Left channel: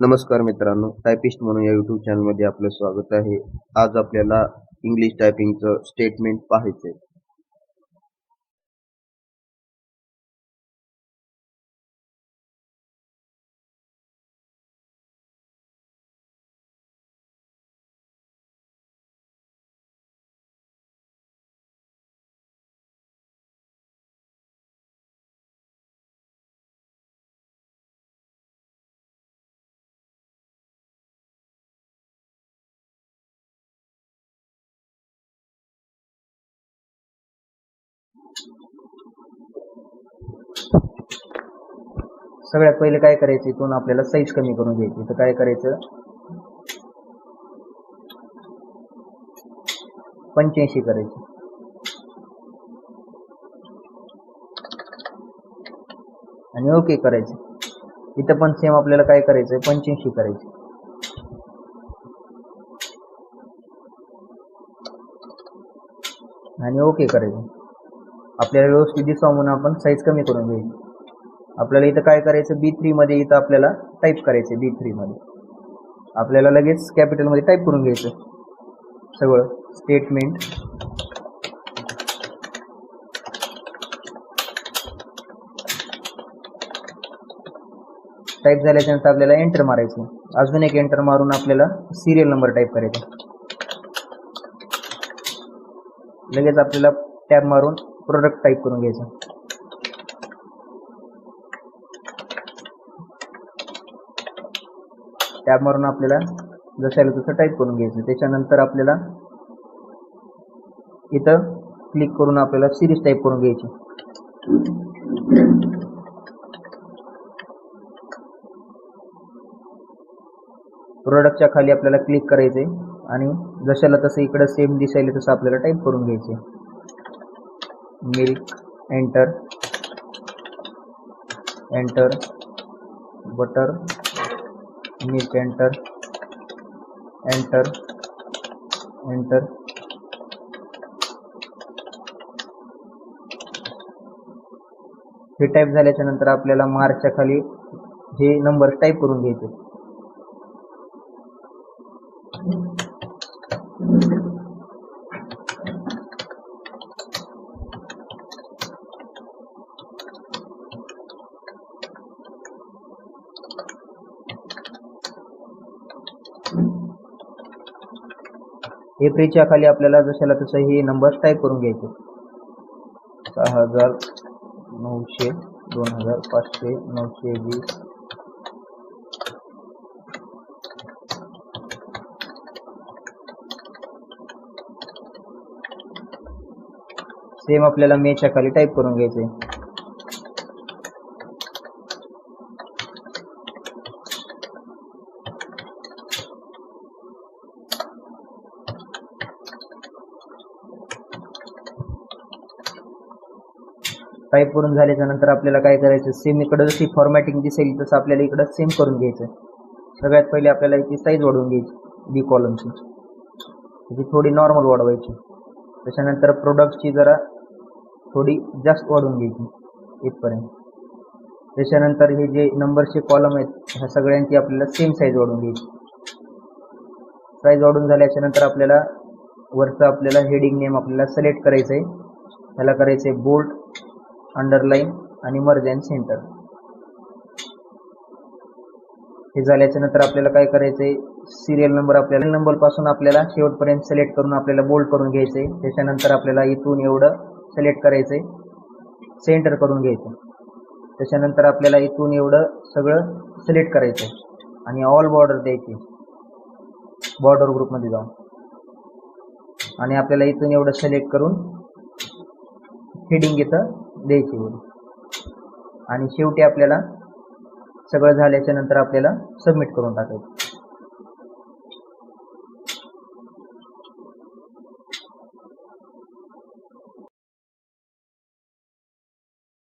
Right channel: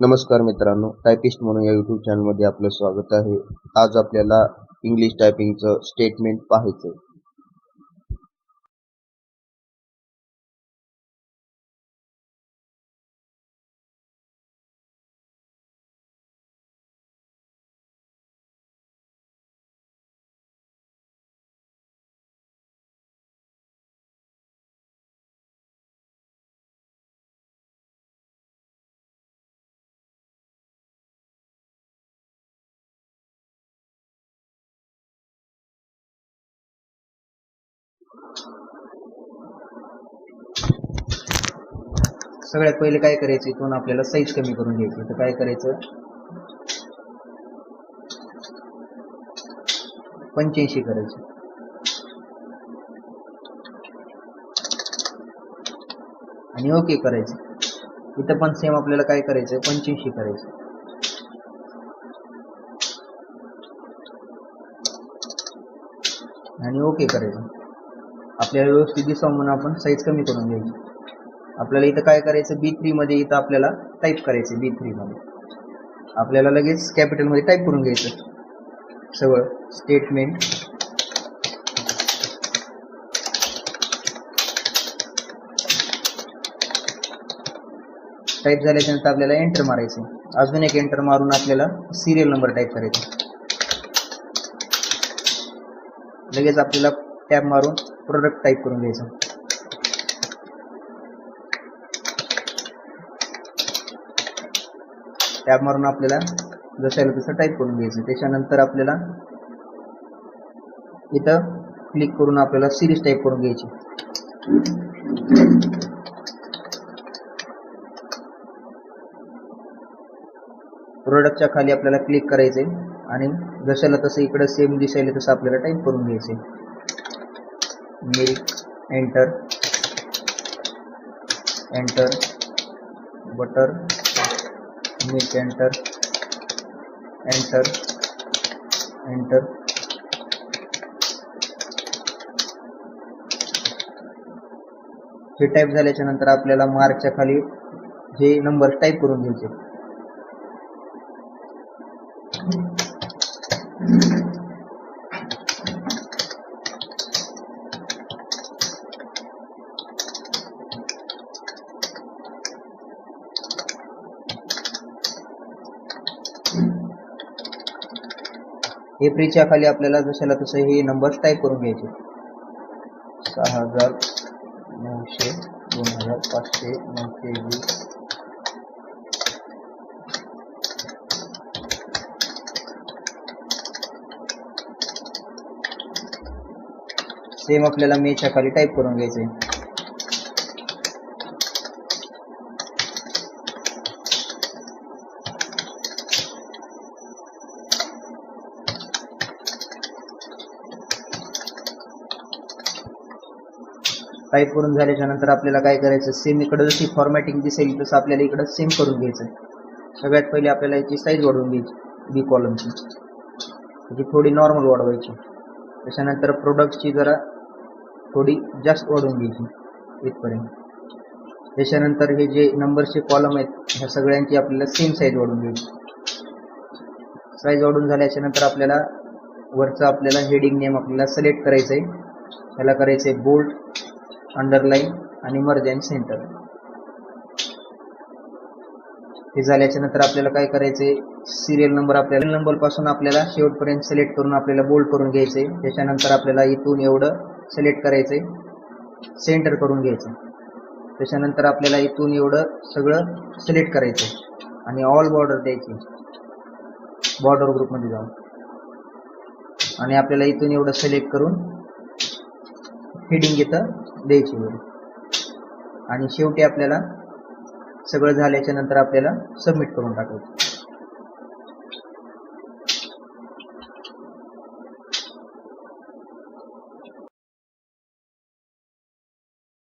नमस्कार मित्रांनो, टायपिस्ट म्हणून या यूट्यूब चॅनलमध्ये आपलं स्वागत आहे. आज आपल्याला इंग्लिश टायपिंगचं स्टेटमेंट पाहायचं आहे. सगळ्यात पहिले काय करायचं, इथून आपल्याला साईज कमी करून घ्यायची. तर काय करायचं, 85 करायचं आणि ओके करायचं. इथं पण सेम आपल्याला काय करायचं, 85 करायचं आणि ओके करायचं. आपल्याला व्यवस्थित दिसावं म्हणून आपण साईज कमी करून घ्यायची. आपल्याला इथं काय करायचं, B3 मध्ये इथं आपल्याला टाईप करायचं. B3 मध्ये आपल्याला लगेच कॅपिटलमध्ये टाईप करून घ्यायचं सगळं स्टेटमेंट. टाईप झाल्याच्यानंतर आपल्याला एंटर मारायचं. अजून एक एंटर मारून आपल्याला सिरियल नंबर टाईप करायचा. लगेच आपल्याला टॅब मारून प्रोडक्ट टाईप करून घ्यायचं. टॅब मारून आपल्याला जसं तसं टाईप करून घ्यायचं. त्याच्यानंतर आपल्याला इथं क्लिक करून आपल्याला सिरीज टाईप करून घ्यायची. प्रोडक्टच्या खाली आपल्याला क्लिक करायचे आणि जशाला तसं इकडं सेम दिसायला तसं आपल्याला टाईप करून घ्यायचे. Milk, enter, enter, butter, milk, enter, enter, enter. हे टाईप झाल्याच्या नंतर आपल्याला मार्कच्या खाली हे नंबर टाईप करून घ्यायचे. एप्रिलच्या खाली आपल्याला जशाला तसं हे नंबर टाईप करून घ्यायचे. 6,900, 2,500, 920. सेम आपल्याला मेच्या खाली टाईप करून घ्यायचे. टाईप करून झाल्याच्या नंतर आपल्याला काय करायचं, सेम इकडं जशी फॉर्मॅटिंग दिसेल तसं आपल्याला इकडं सेम करून घ्यायचं. सगळ्यात पहिले आपल्याला याची साईज वाढवून घ्यायची. बी कॉलमची त्याची थोडी नॉर्मल वाढवायची. त्याच्यानंतर प्रोडक्टची जरा थोडी जास्त वाढवून घ्यायची इथपर्यंत. त्याच्यानंतर हे जे नंबरचे कॉलम आहेत ह्या सगळ्यांची आपल्याला सेम साईज वाढवून घ्यायची. साईज वाढून झाल्याच्या नंतर आपल्याला वरचं आपल्याला हेडिंग नेम आपल्याला सिलेक्ट करायचं आहे. त्याला करायचं आहे बोल्ड, अंडरलाईन आणि मर्ज अँड सेंटर. हे झाल्याच्या नंतर आपल्याला काय करायचंय, सिरियल नंबर आपल्याला नंबर पासून आपल्याला शेवटपर्यंत सिलेक्ट करून आपल्याला बोल्ड करून घ्यायचंय. त्याच्यानंतर आपल्याला इथून एवढं सिलेक्ट करायचंय, सेंटर करून घ्यायचं. त्याच्यानंतर आपल्याला इथून एवढं सगळं सिलेक्ट करायचं आणि ऑल बॉर्डर द्यायची. बॉर्डर ग्रुपमध्ये जाऊन आणि आपल्याला इथून एवढं सिलेक्ट करून हेडिंग इथं द्यायची आणि शेवटी आपल्याला सगळं झाल्याच्या नंतर आपल्याला सबमिट करून टाकायचं.